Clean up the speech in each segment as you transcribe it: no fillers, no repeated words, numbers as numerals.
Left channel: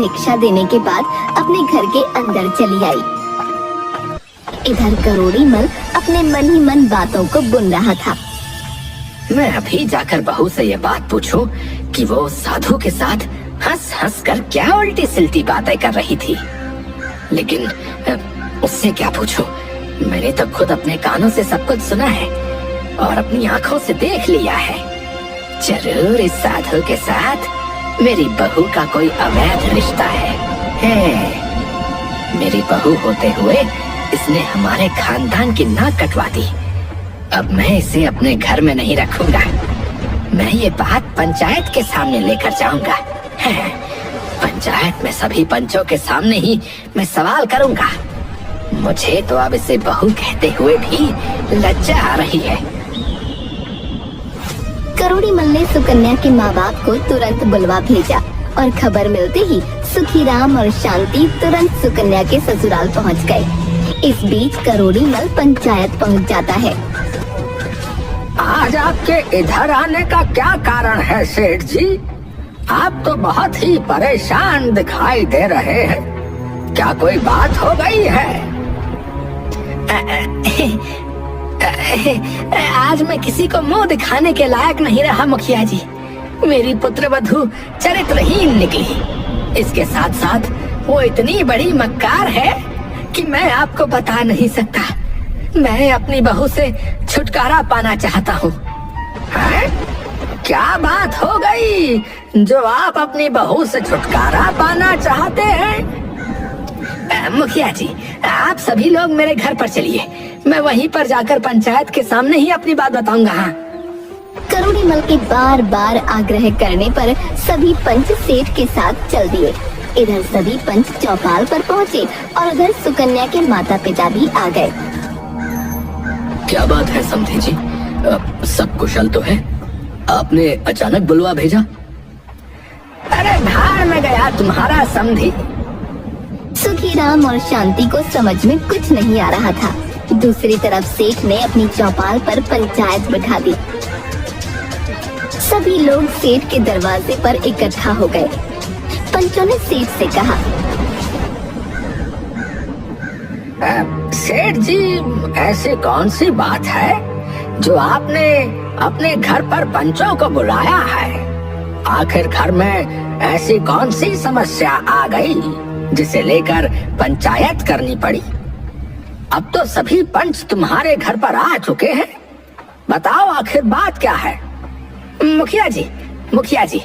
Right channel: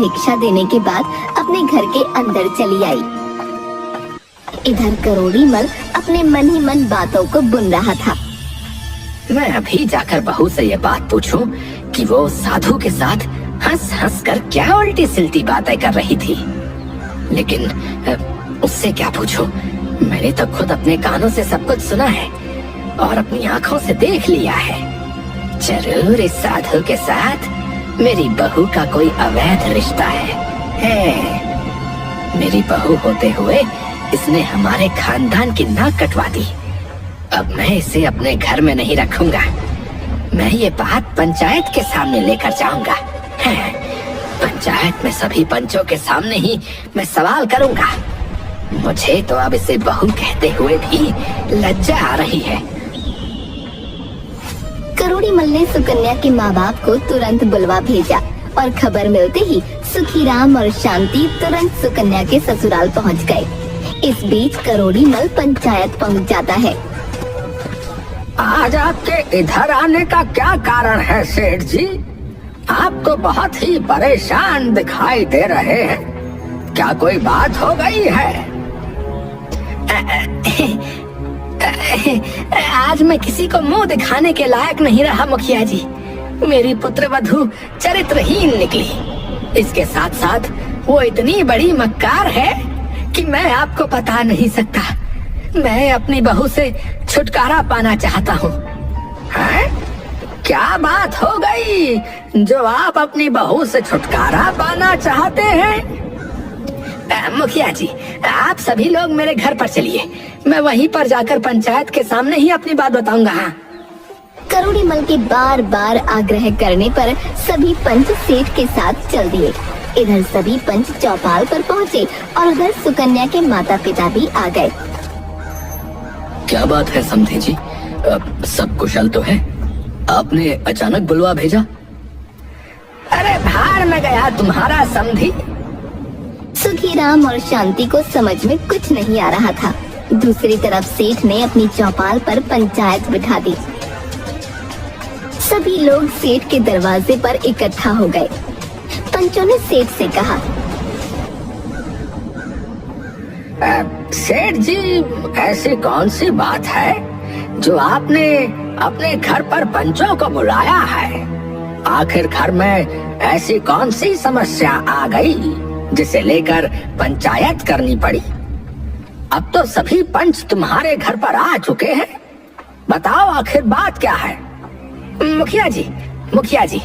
भिक्षा देने के बाद अपने घर के अंदर चली आई। इधर करोड़ी मल अपने मन ही मन बातों को बुन रहा था। मैं अभी जाकर बहू से ये बात पूछूं कि वो साधु के साथ हंस हंस कर क्या उल्टी सिलती बातें कर रही थी। लेकिन उससे क्या पूछूं? मैंने तो खुद अपने कानों से सब कुछ सुना है और अपनी आंखों से देख लिया है। जरूर इस साधु के साथ मेरी बहू का कोई अवैध रिश्ता है। मेरी बहू होते हुए इसने हमारे खानदान की नाक कटवा दी। अब मैं इसे अपने घर में नहीं रखूंगा। मैं ये बात पंचायत के सामने लेकर जाऊंगा। पंचायत में सभी पंचों के सामने ही मैं सवाल करूंगा। मुझे तो अब इसे बहू कहते हुए भी लज्जा आ रही है। करोड़ी मल ने सुकन्या के माँ बाप को तुरंत बुलवा भेजा और खबर मिलते ही सुखीराम और शांति तुरंत सुकन्या के ससुराल पहुँच गए। इस बीच करोड़ी मल पंचायत पहुँच जाता है। आज आपके इधर आने का क्या कारण है सेठ जी? आप तो बहुत ही परेशान दिखाई दे रहे हैं। क्या कोई बात हो गई है? आज मैं किसी को मुंह दिखाने के लायक नहीं रहा मुखिया जी। मेरी पुत्रवधू चरित्रहीन निकली। इसके साथ साथ वो इतनी बड़ी मक्कार है कि मैं आपको बता नहीं सकता। मैं अपनी बहू से छुटकारा पाना चाहता हूँ। क्या बात हो गई जो आप अपनी बहू से छुटकारा पाना चाहते हैं? मुखिया जी, आप सभी लोग मेरे घर पर चलिए। मैं वहीं पर जाकर पंचायत के सामने ही अपनी बात बताऊंगा। हाँ। करोड़ी मल के बार बार आग्रह करने पर सभी पंच सेठ के साथ चल दिए। इधर सभी पंच चौपाल पर पहुँचे और उधर सुकन्या के माता पिता भी आ गए। क्या बात है समधी जी, सब कुशल तो है? आपने अचानक बुलवा भेजा? अरे भाड़ में गया तुम्हारा समधी। सुखीराम और शांति को समझ में कुछ नहीं आ रहा था। दूसरी तरफ सेठ ने अपनी चौपाल पर पंचायत बिठा दी। सभी लोग सेठ के दरवाजे पर इकट्ठा हो गए। पंचों ने सेठ से कहा, सेठ जी, ऐसी कौन सी बात है जो आपने अपने घर पर पंचों को बुलाया है? आखिर घर में ऐसी कौन सी समस्या आ गई जिसे लेकर पंचायत करनी पड़ी? अब तो सभी पंच तुम्हारे घर पर आ चुके हैं। बताओ आखिर बात क्या है? मुखिया जी,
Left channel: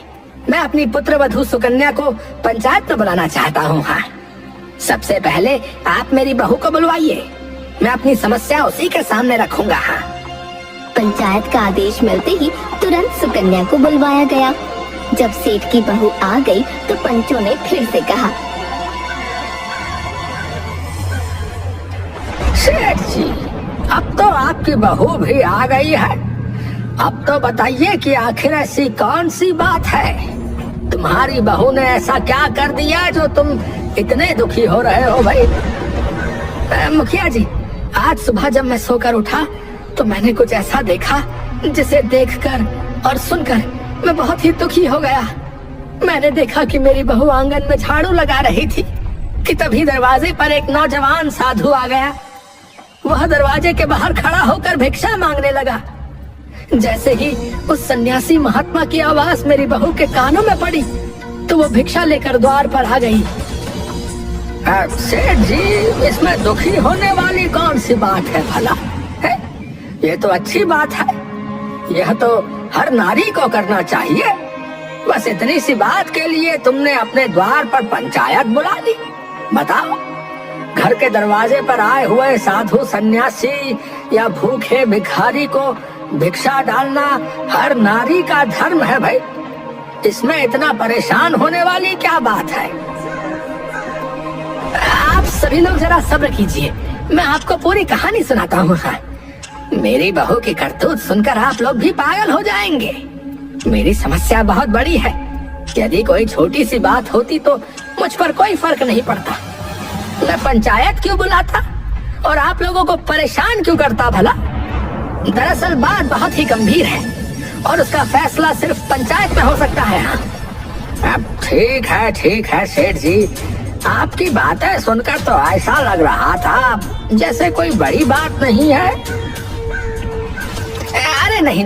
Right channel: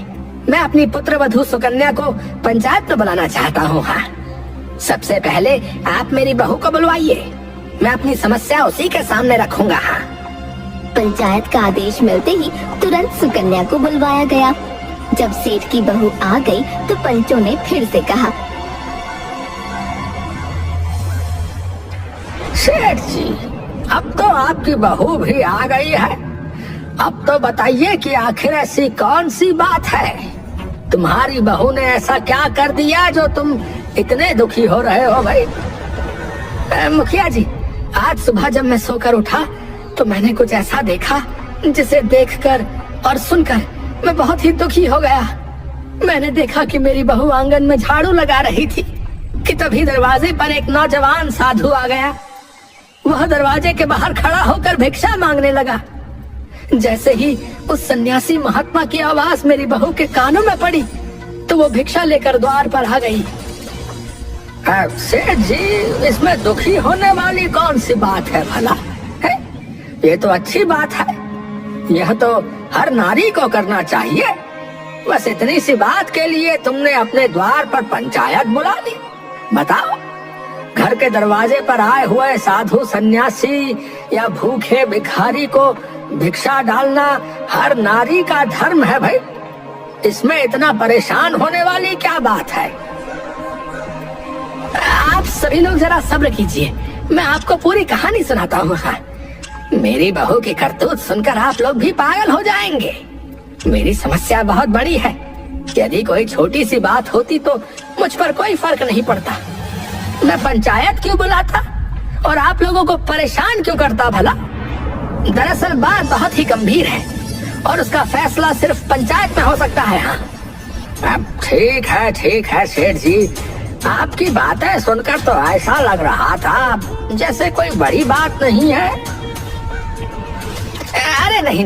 मैं अपनी पुत्रवधू सुकन्या को पंचायत में बुलाना चाहता हूँ। हाँ, सबसे पहले आप मेरी बहू को बुलवाइए। मैं अपनी समस्या उसी के सामने रखूंगा। हाँ। पंचायत का आदेश मिलते ही तुरंत सुकन्या को बुलवाया गया। जब सेठ की बहू आ गई तो पंचों ने फिर से कहा, सेठ जी, अब तो आपकी बहू भी आ गई है। अब तो बताइए कि आखिर ऐसी कौन सी बात है? तुम्हारी बहू ने ऐसा क्या कर दिया जो तुम इतने दुखी हो रहे हो भाई? मुखिया जी, आज सुबह जब मैं सोकर उठा तो मैंने कुछ ऐसा देखा जिसे देखकर और सुनकर मैं बहुत ही दुखी हो गया। मैंने देखा कि मेरी बहू आंगन में झाड़ू लगा रही थी कि तभी दरवाजे पर एक नौजवान साधु आ गया। वह दरवाजे के बाहर खड़ा होकर भिक्षा मांगने लगा। जैसे ही उस सन्यासी महात्मा की आवाज मेरी बहू के कानों में पड़ी तो वो भिक्षा लेकर द्वार पर आ गई। सेठ जी, इसमें दुखी होने वाली कौन सी बात है भला? है? ये तो अच्छी बात है। यह तो हर नारी को करना चाहिए। बस इतनी सी बात के लिए तुमने अपने द्वार पर पंचायत बुला ली। बताओ, घर के दरवाजे पर आए हुए साधु सन्यासी या भूखे भिखारी को भिक्षा डालना हर नारी का धर्म है भाई। इसमें इतना परेशान होने वाली क्या बात है? आप सभी लोग जरा सब्र कीजिए, मैं आपको पूरी कहानी सुनाता हूँ। हाँ, मेरी बहू की करतूत सुनकर आप लोग भी पागल हो जाएंगे। मेरी समस्या बहुत बड़ी है। यदि कोई छोटी सी बात होती तो मुझ पर कोई फर्क नहीं पड़ता। मैं पंचायत क्यों बुलाता और आप लोगों को परेशान क्यों करता भला? दरअसल बात बहुत ही गंभीर है और उसका फैसला सिर्फ पंचायत में हो सकता है। हाँ, अब ठीक है सेठ जी, आपकी बातें सुनकर तो ऐसा लग रहा था जैसे कोई बड़ी बात नहीं है। अरे नहीं,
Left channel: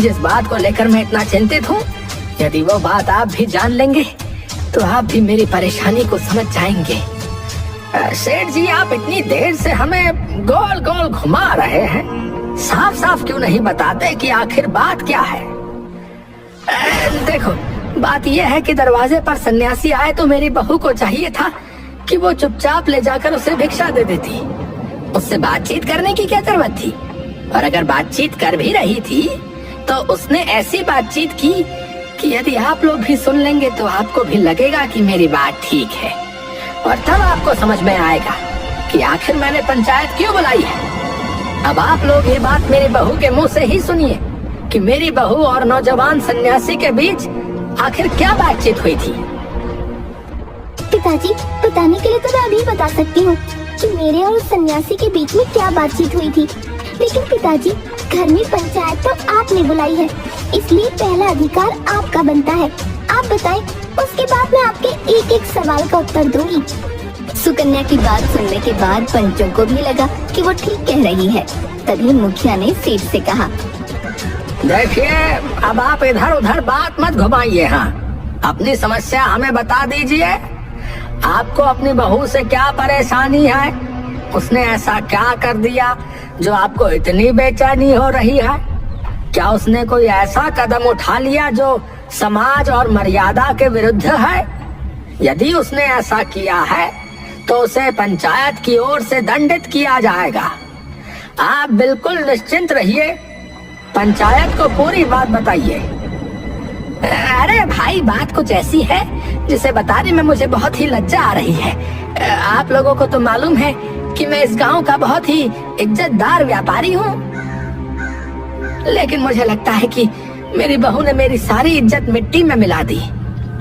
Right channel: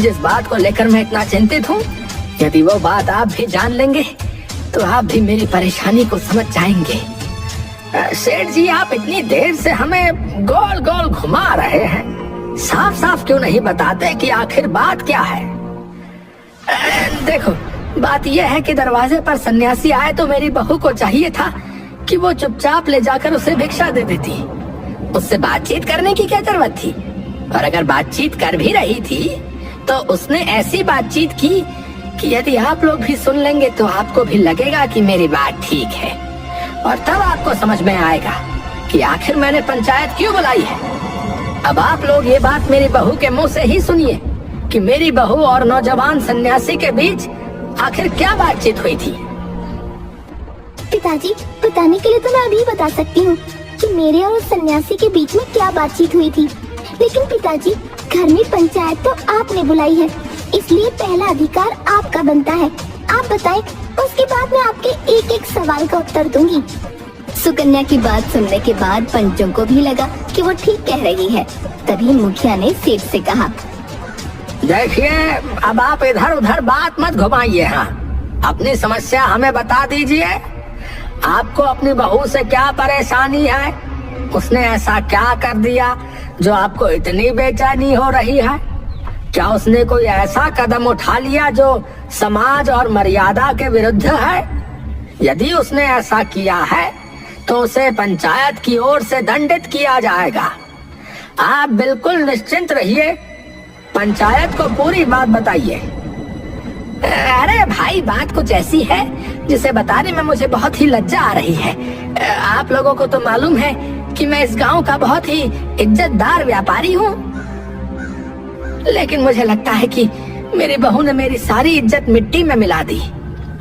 जिस बात को लेकर मैं इतना चिंतित हूँ, यदि वो बात आप भी जान लेंगे तो आप भी मेरी परेशानी को समझ जाएंगे। सेठ जी, आप इतनी देर से हमें गोल गोल घुमा रहे हैं, साफ साफ क्यों नहीं बताते कि आखिर बात क्या है? देखो, बात यह है कि दरवाजे पर सन्यासी आए तो मेरी बहू को चाहिए था कि वो चुपचाप ले जाकर उसे भिक्षा दे देती। उससे बातचीत करने की क्या जरूरत थी? और अगर बातचीत कर भी रही थी तो उसने ऐसी बातचीत की कि यदि आप लोग भी सुन लेंगे तो आपको भी लगेगा कि मेरी बात ठीक है, और तब आपको समझ में आएगा कि आखिर मैंने पंचायत क्यों बुलाई है। अब आप लोग ये बात मेरी बहू के मुंह से ही सुनिए कि मेरी बहू और नौजवान सन्यासी के बीच आखिर क्या बातचीत हुई थी। पिताजी, बताने के लिए तो मैं अभी बता सकती हूँ कि मेरे और उस सन्यासी के बीच में क्या बातचीत हुई थी, लेकिन पिताजी, घर में पंचायत तो आपने बुलाई है, इसलिए पहला अधिकार आपका बनता है। आप बताएं, उसके बाद मैं आपके एक एक सवाल का उत्तर दूंगी। सुकन्या की बात सुनने के बाद पंचों को भी लगा कि वो ठीक कह रही है। तभी मुखिया ने सेठ से कहा, देखिए, अब आप इधर उधर बात मत घुमाइए। हाँ, अपनी समस्या हमें बता दीजिए। आपको अपनी बहू से क्या परेशानी है? उसने ऐसा क्या कर दिया जो आपको इतनी बेचैनी हो रही है? क्या उसने कोई ऐसा कदम उठा लिया जो समाज और मर्यादा के विरुद्ध है? यदि उसने ऐसा किया है तो उसे पंचायत की ओर से दंडित किया जाएगा। आप बिल्कुल निश्चिंत रहिए, पंचायत को पूरी बात बताइए। अरे भाई, बात कुछ ऐसी है जिसे बताने में मुझे बहुत ही लज्जा आ रही है। आप लोगों को तो मालूम है कि मैं इस गांव का बहुत ही इज्जतदार व्यापारी हूँ, लेकिन मुझे लगता है कि मेरी बहू ने मेरी सारी इज्जत मिट्टी में मिला दी।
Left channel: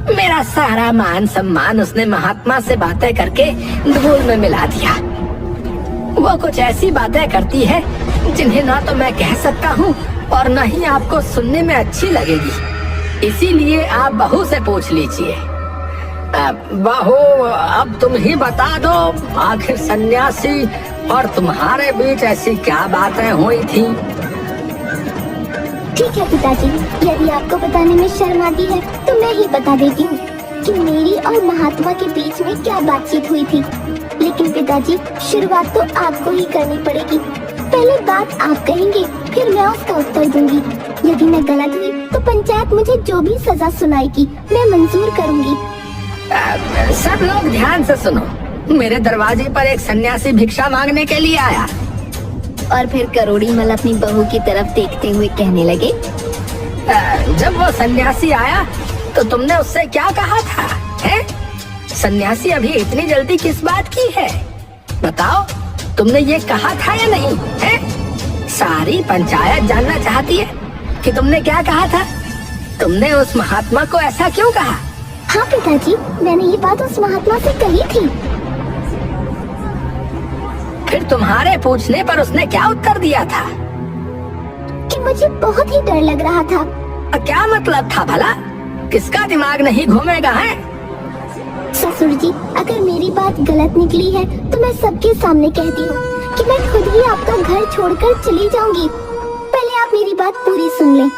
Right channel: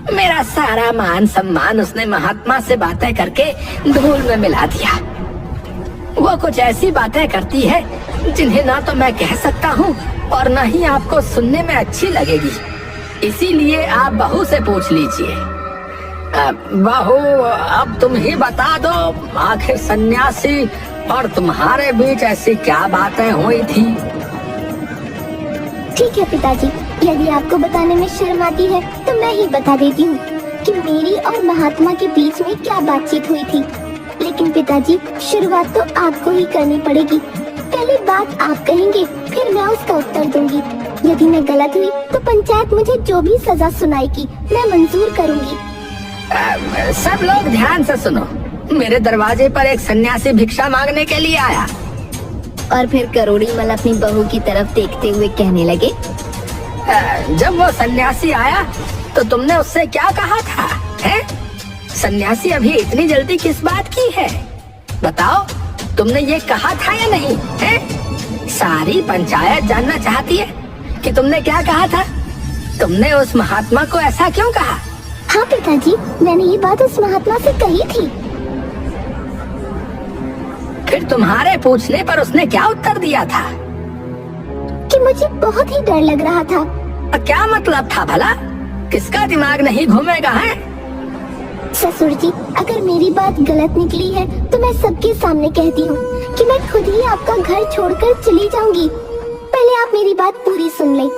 मेरा सारा मान सम्मान उसने महात्मा से बातें करके धूल में मिला दिया। वो कुछ ऐसी बातें करती है जिन्हें ना तो मैं कह सकता हूँ और न ही आपको सुनने में अच्छी लगेगी। इसीलिए आप बहू से पूछ लीजिए। बहू, अब तुम ही बता दो, आखिर सन्यासी और तुम्हारे बीच ऐसी क्या बातें हुई थी? ठीक है पिताजी, यदि आपको बताने में शर्म आती है तो मैं ही बता देती हूँ कि मेरी और महात्मा के बीच में क्या बातचीत हुई थी। लेकिन पिताजी, शुरुआत तो आपको ही करनी पड़ेगी। पहले बात आप कहेंगे, फिर मैं उसका उत्तर दूंगी। यदि मैं गलत हुई तो पंचायत मुझे जो भी सजा सुनाएगी मैं मंजूर करूंगी। सब लोग ध्यान से सुनो। मेरे दरवाजे पर एक सन्यासी भिक्षा मांगने के लिए आया। और फिर करोड़ी मल अपनी बहू की तरफ देखते हुए कहने लगे, जब वो सन्यासी आया तो तुमने उससे क्या कहा था? हैं? सन्यासी अभी इतनी जल्दी किस बात की है? बताओ, तुमने ये कहा था या नहीं? हैं? सारी पंचायत जानना चाहती है कि तुमने क्या कहा था। तुमने उस महात्मा को ऐसा क्यों कहा? हाँ पिताजी, मैंने ये बात उस महात्मा से कही थी। फिर तुम्हारे पूछने पर उसने क्या उत्तर दिया था? कि मुझे बहुत ही डर लग रहा था। क्या मतलब था भला? किसका दिमाग नहीं घूमेगा है? ससुर जी, अगर मेरी बात गलत निकली है तो मैं सबके सामने कहती हूँ कि मैं खुद ही आपका घर छोड़कर चली जाऊंगी। पहले आप मेरी बात पूरी सुन लें।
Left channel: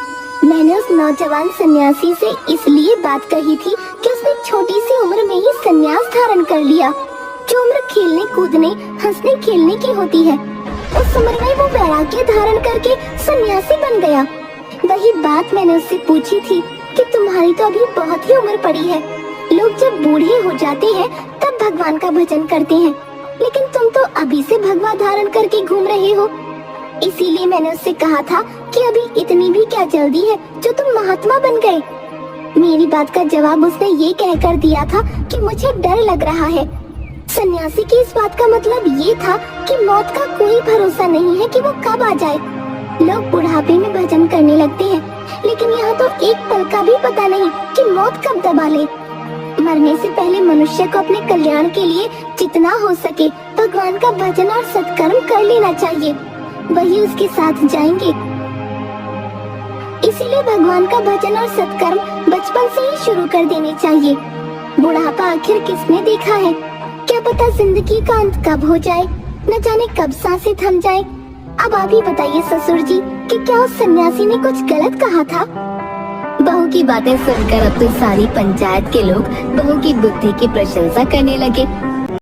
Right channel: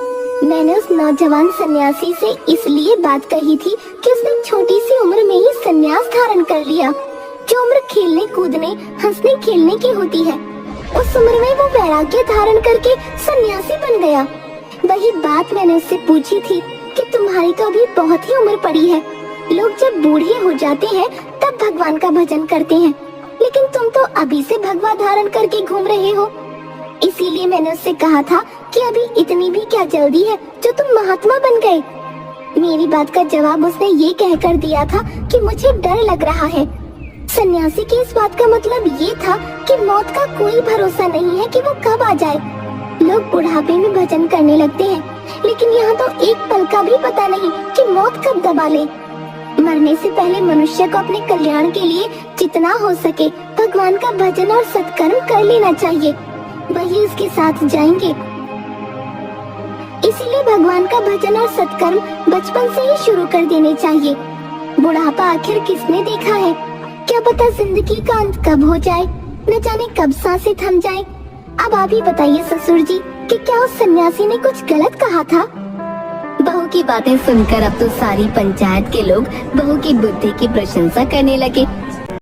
मैंने उस नौजवान सन्यासी से इसलिए बात कही थी कि उसने छोटी सी उम्र में ही सन्यास धारण कर लिया। जो उम्र खेलने कूदने हंसने खेलने की होती है, उस उम्र में वो वैराग्य धारण करके सन्यासी बन गया। वही बात मैंने उससे पूछी थी कि तुम्हारी तो अभी बहुत ही उम्र पड़ी है। लोग जब बूढ़े हो जाते हैं तब भगवान का भजन करते हैं, लेकिन तुम तो अभी से भगवा धारण करके घूम रहे हो। इसीलिए मैंने उससे कहा था कि अभी इतनी भी क्या जल्दी है जो तुम महात्मा बन गए। मेरी बात का जवाब उसने ये कहकर दिया था कि मुझे डर लग रहा है। सन्यासी की इस बात का मतलब ये था कि मौत का कोई भरोसा नहीं है कि वो कब आ जाए। लोग बुढ़ापे में भजन करने लगते हैं, लेकिन यहाँ तो एक पल का भी पता नहीं कि मौत कब दबा ले। मरने से पहले मनुष्य को अपने कल्याण के लिए जितना हो सके भगवान का भजन और सत्कर्म कर लेना चाहिए, वही उसके साथ जाएंगे। इसीलिए भगवान का भजन और सत्कर्म बचपन से ही शुरू कर देने चाहिए। बुढ़ापा आखिर किसने देखा है? क्या पता जिंदगी का अंत कब हो जाए, न जाने कब सांसें थम जाए। अब आप ही बताइए ससुर जी कि क्या उस सन्यासी ने कुछ गलत कहा था? बहू की बातें सुनकर अब तो सारी पंचायत के लोग बहू की बुद्धि की प्रशंसा करने लगे।